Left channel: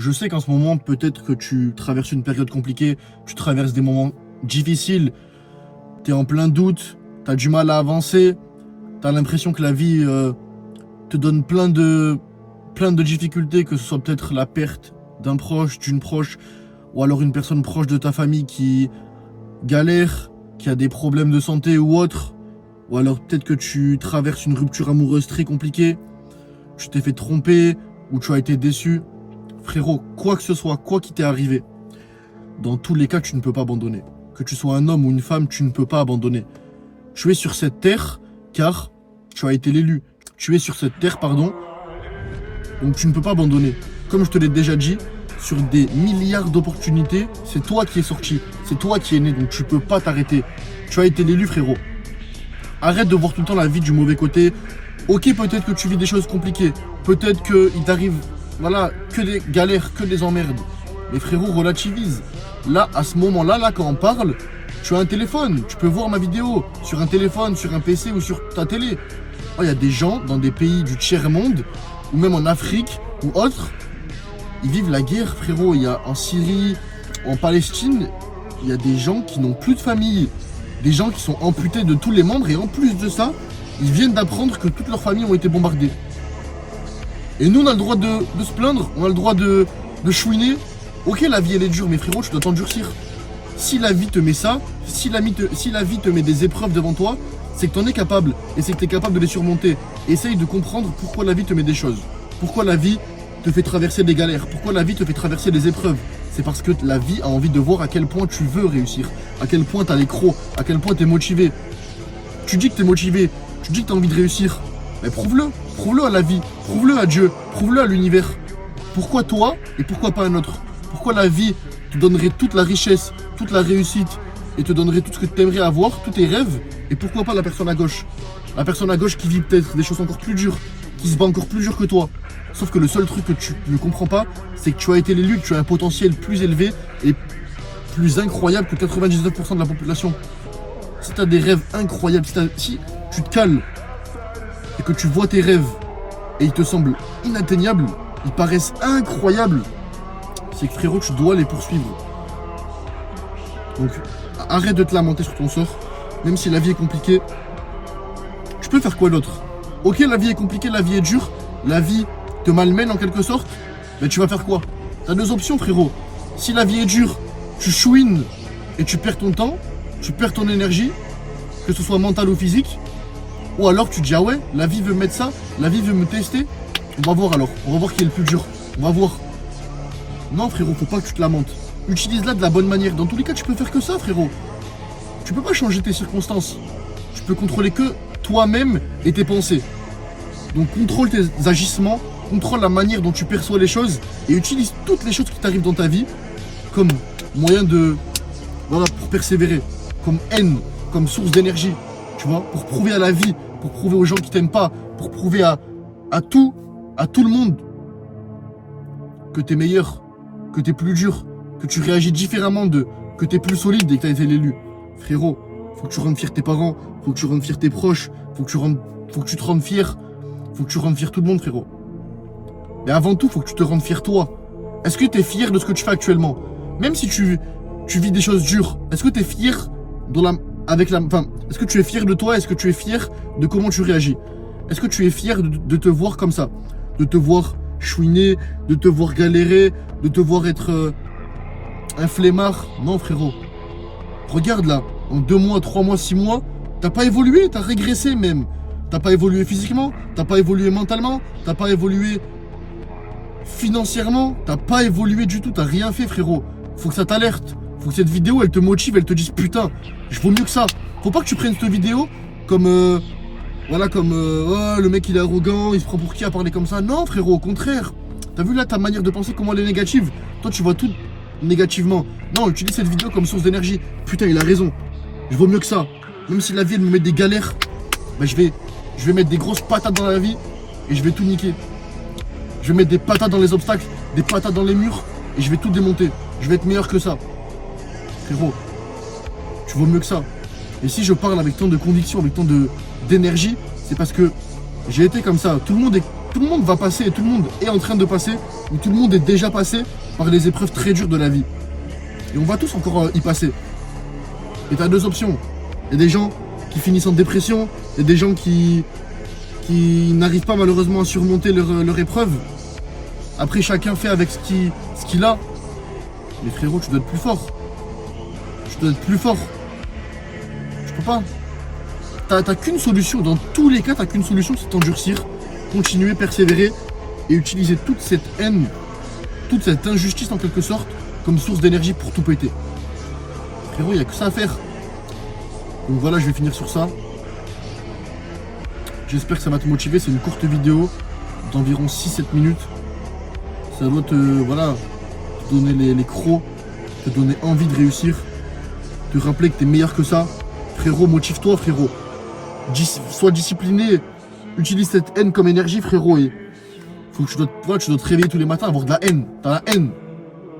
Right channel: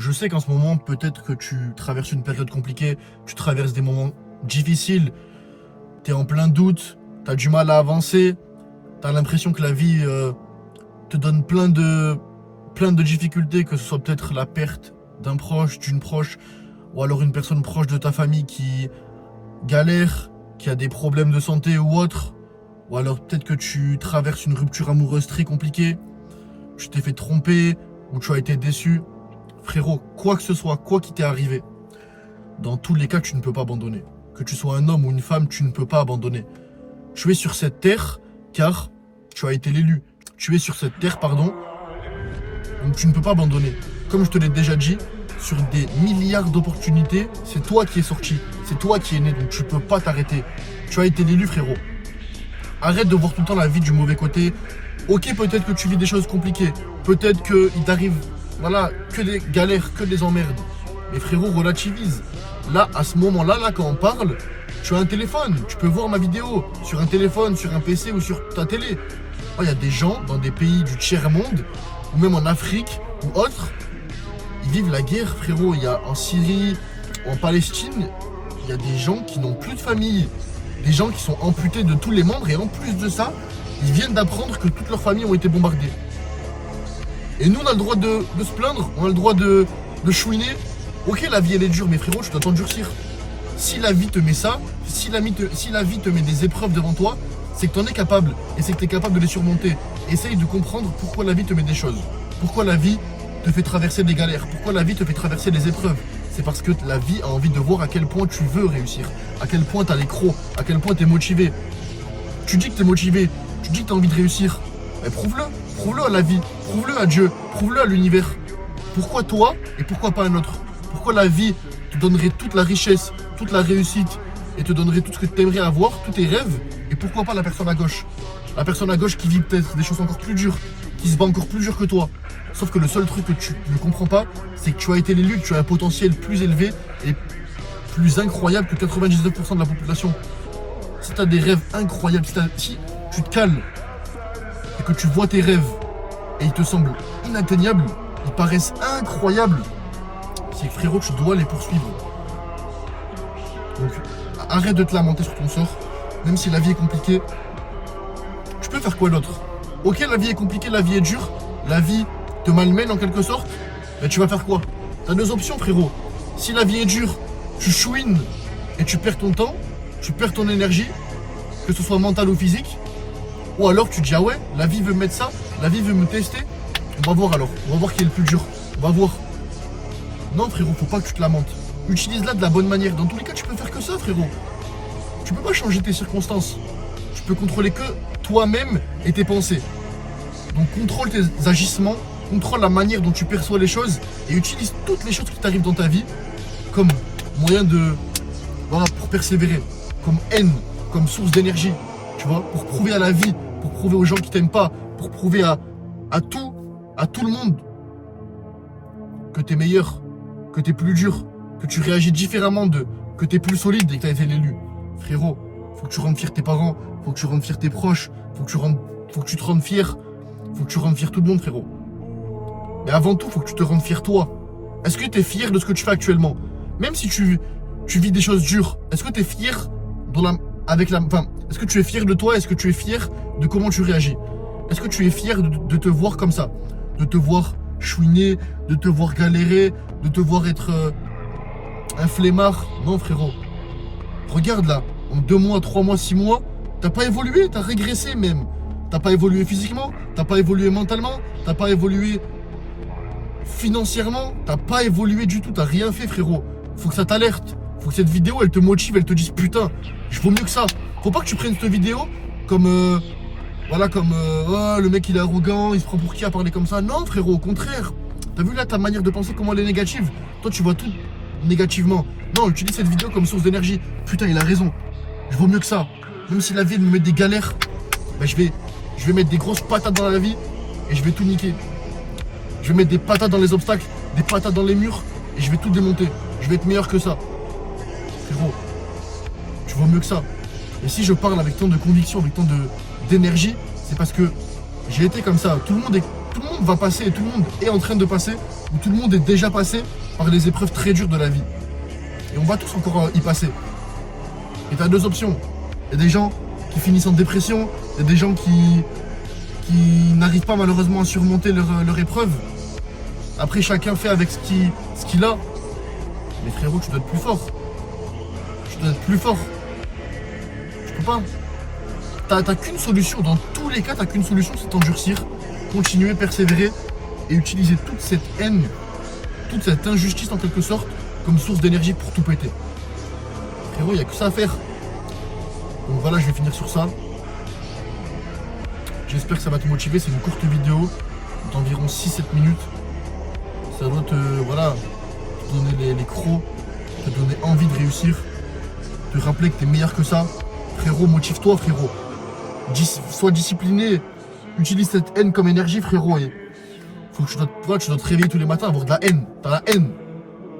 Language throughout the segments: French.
Je sais qu'en ce moment, peut-être que tu traverses une période compliquée, tu traverses des moments difficiles, tu es en plein doute, tu as du mal à avancer, tu as l'impression que la vie te donne plein de difficultés, que ce soit peut-être la perte d'un proche, d'une proche, ou alors une personne proche de ta famille qui galère, qui a des problèmes de santé ou autre, ou alors peut-être que tu traverses une rupture amoureuse très compliquée, tu t'es fait tromper, ou tu as été déçu. Frérot, quoi que ce soit, quoi qui t'est arrivé, dans tous les cas, tu ne peux pas abandonner. Que tu sois un homme ou une femme, tu ne peux pas abandonner. Tu es sur cette terre car tu as été l'élu. Tu es sur cette terre, pardon, donc tu ne peux pas abandonner. Comme je te l'ai déjà dit, sur des milliards d'opportunités, c'est toi qui es sorti, c'est toi qui es né, donc tu peux pas t'arrêter. Tu as été l'élu, frérot. Arrête de voir tout le temps la vie du mauvais côté. Ok, peut-être que tu vis des choses compliquées, peut-être qu'il t'arrive, voilà, que des galères, que des emmerdes. Mais frérot, relativise. Là, à ce moment-là, quand on parle, tu as un téléphone, tu peux voir ma vidéo sur un téléphone, sur un PC ou sur ta télé. Il y a des gens dans des pays du tiers-monde, ou même en Afrique ou autre, ils vivent la guerre, frérot. Il y a en Syrie, en Palestine, il y a des gens qui n'ont plus de famille, des gens qui sont amputés de tous les membres, et en plus de ça, ils viennent d'apprendre que toutes leurs familles ont été bombardées. Et nous, on a le droit de se plaindre, on a le droit de chouiner. Ok, la vie elle est dure, mais frérot, tu dois t'endurcir. Si la vie te met ça, si la vie te met des épreuves devant toi, c'est que tu en es capable, et c'est que tu es capable de les surmonter. Essaye de comprendre pourquoi la vie te met des choses. Pourquoi la vie te fait traverser des galères, pourquoi la vie te fait traverser des épreuves. C'est parce que la vie a envie de voir à quel point tu veux réussir, à quel point tu as les crocs, à quel point tu es motivé. Tu dis que tu es motivé, tu dis que tu as envie de réussir. Mais prouve-le à la vie, prouve-le à Dieu, prouve-le à l'univers. Pourquoi toi et pourquoi pas un autre? Pourquoi la vie te donnerait toute la richesse, toute la réussite et te donnerait tout ce que tu aimerais avoir, tous tes rêves, et pourquoi pas la personne à gauche? La personne à gauche qui vit peut-être des choses encore plus dures, qui se bat encore plus dur que toi. Sauf que le seul truc que tu ne comprends pas, c'est que tu as été l'élu, que tu as un potentiel plus élevé et plus incroyable que 99% de la population. Si tu as des rêves incroyables, si tu te cales et que tu vois tes rêves et ils te semblent inatteignables, ils paraissent incroyables, c'est que frérot, tu dois les poursuivre. Donc arrête de te lamenter sur ton sort, même si la vie est compliquée. Tu peux faire quoi d'autre? Ok, la vie est compliquée, la vie est dure, la vie te malmène en quelque sorte, mais tu vas faire quoi? T'as deux options, frérot. Si la vie est dure, tu chouines et tu perds ton temps, tu perds ton énergie, que ce soit mentale ou physique, ou alors tu dis ah ouais, la vie veut mettre ça, la vie veut me tester, on va voir alors, on va voir qui est le plus dur, on va voir. Non frérot, faut pas que tu te lamentes. Utilise-la de la bonne manière. Dans tous les cas, tu peux faire que ça, frérot. Tu peux pas changer tes circonstances. Tu peux contrôler que toi-même et tes pensées. Donc contrôle tes agissements, contrôle la manière dont tu perçois les choses et utilise toutes les choses qui t'arrivent dans ta vie comme moyen de, voilà, pour persévérer, comme haine, comme source d'énergie, tu vois, pour prouver à la vie, pour prouver aux gens qui t'aiment pas, pour prouver à tout le monde que t'es meilleur, que t'es plus dur, que tu réagis différemment que t'es plus solide dès que t'as été l'élu. Frérot, faut que tu rendes fier tes parents, faut que tu rendes fier tes proches, faut que tu te rendes fier, faut que tu rendes fier tout le monde, frérot. Mais avant tout, faut que tu te rendes fier toi. Est-ce que t'es fier de ce que tu fais actuellement? Même si tu vis des choses dures, est-ce que t'es fier est-ce que tu es fier de toi? Est-ce que tu es fier de comment tu réagis? Est-ce que tu es fier de te voir comme ça? De te voir chouiner, de te voir galérer, de te voir être un flemmard? Non, frérot. Regarde là, en 2 mois, 3 mois, 6 mois, t'as pas évolué, t'as régressé même. T'as pas évolué physiquement, t'as pas évolué mentalement, t'as pas évolué financièrement, t'as pas évolué du tout, t'as rien fait, frérot. Faut que ça t'alerte, faut que cette vidéo elle te motive, elle te dise putain, je vaux mieux que ça. Faut pas que tu prennes cette vidéo comme oh, le mec il est arrogant, il se prend pour qui à parler comme ça. Non, frérot, au contraire. T'as vu là ta manière de penser, comment elle est négative? Toi tu vois tout négativement. Non, utilise cette vidéo comme source d'énergie. Putain, il a raison. Je vaux mieux que ça. Même si la vie elle me met des galères, bah, je vais mettre des grosses patates dans la vie et je vais tout niquer. Je vais mettre des patates dans les obstacles, des patates dans les murs et je vais tout démonter. Je vais être meilleur que ça. Frérot, tu vaux mieux que ça. Et si je parle avec tant de conviction, avec tant d'énergie, c'est parce que j'ai été comme ça. Tout le monde va passer et tout le monde est en train de passer où tout le monde est déjà passé par les épreuves très dures de la vie. Et on va tous encore y passer. Et t'as deux options. Il y a des gens qui finissent en dépression, il y a des gens qui n'arrivent pas malheureusement à surmonter leur épreuve. Après, chacun fait avec ce qu'il a. Mais frérot, tu dois être plus fort. Tu dois être plus fort. Je peux pas. T'as qu'une solution. Dans tous les cas, t'as qu'une solution, c'est t'endurcir, continuer, persévérer et utiliser toute cette haine, toute cette injustice en quelque sorte, comme source d'énergie pour tout péter. Frérot, il n'y a que ça à faire. Donc voilà, je vais finir sur ça. J'espère que ça va te motiver. C'est une courte vidéo d'environ 6-7 minutes. Ça doit voilà, te donner les crocs, te donner envie de réussir, te rappeler que tu es meilleur que ça. Frérot, motive-toi, frérot. Sois discipliné. Utilise cette haine comme énergie, frérot. Et faut que tu dois te réveiller tous les matins, avoir de la haine. T'as la haine.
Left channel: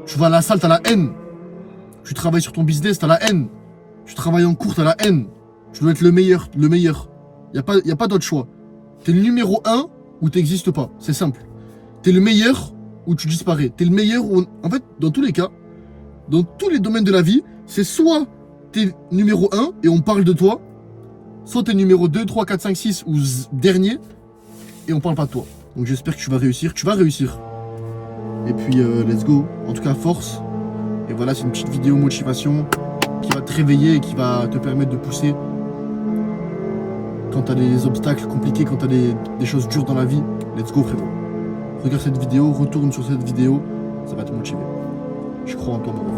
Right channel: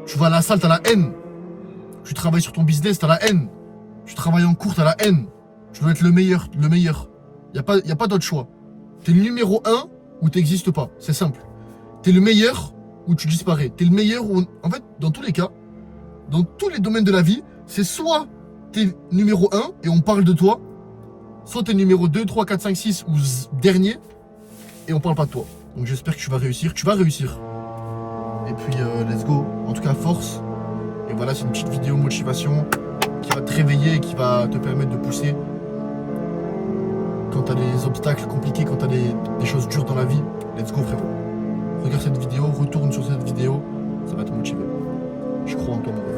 Tu vas à la salle, t'as la haine. Tu travailles sur ton business, t'as la haine. Tu travailles en cours, t'as la haine. Tu dois être le meilleur, le meilleur. Y a pas d'autre choix. T'es le numéro 1 ou t'existes pas. C'est simple. T'es le meilleur ou tu disparais. T'es le meilleur ou... En fait, dans tous les cas, dans tous les domaines de la vie, c'est soit t'es numéro 1 et on parle de toi, soit t'es numéro 2, 3, 4, 5, 6 ou dernier et on parle pas de toi. Donc j'espère que tu vas réussir. Tu vas réussir. Et puis, let's go. En tout cas, force. Et voilà, c'est une petite vidéo motivation qui va te réveiller et qui va te permettre de pousser quand t'as des obstacles compliqués, quand t'as des choses dures dans la vie. Let's go, frérot. Regarde cette vidéo, retourne sur cette vidéo, ça va te motiver. Je crois en toi, mon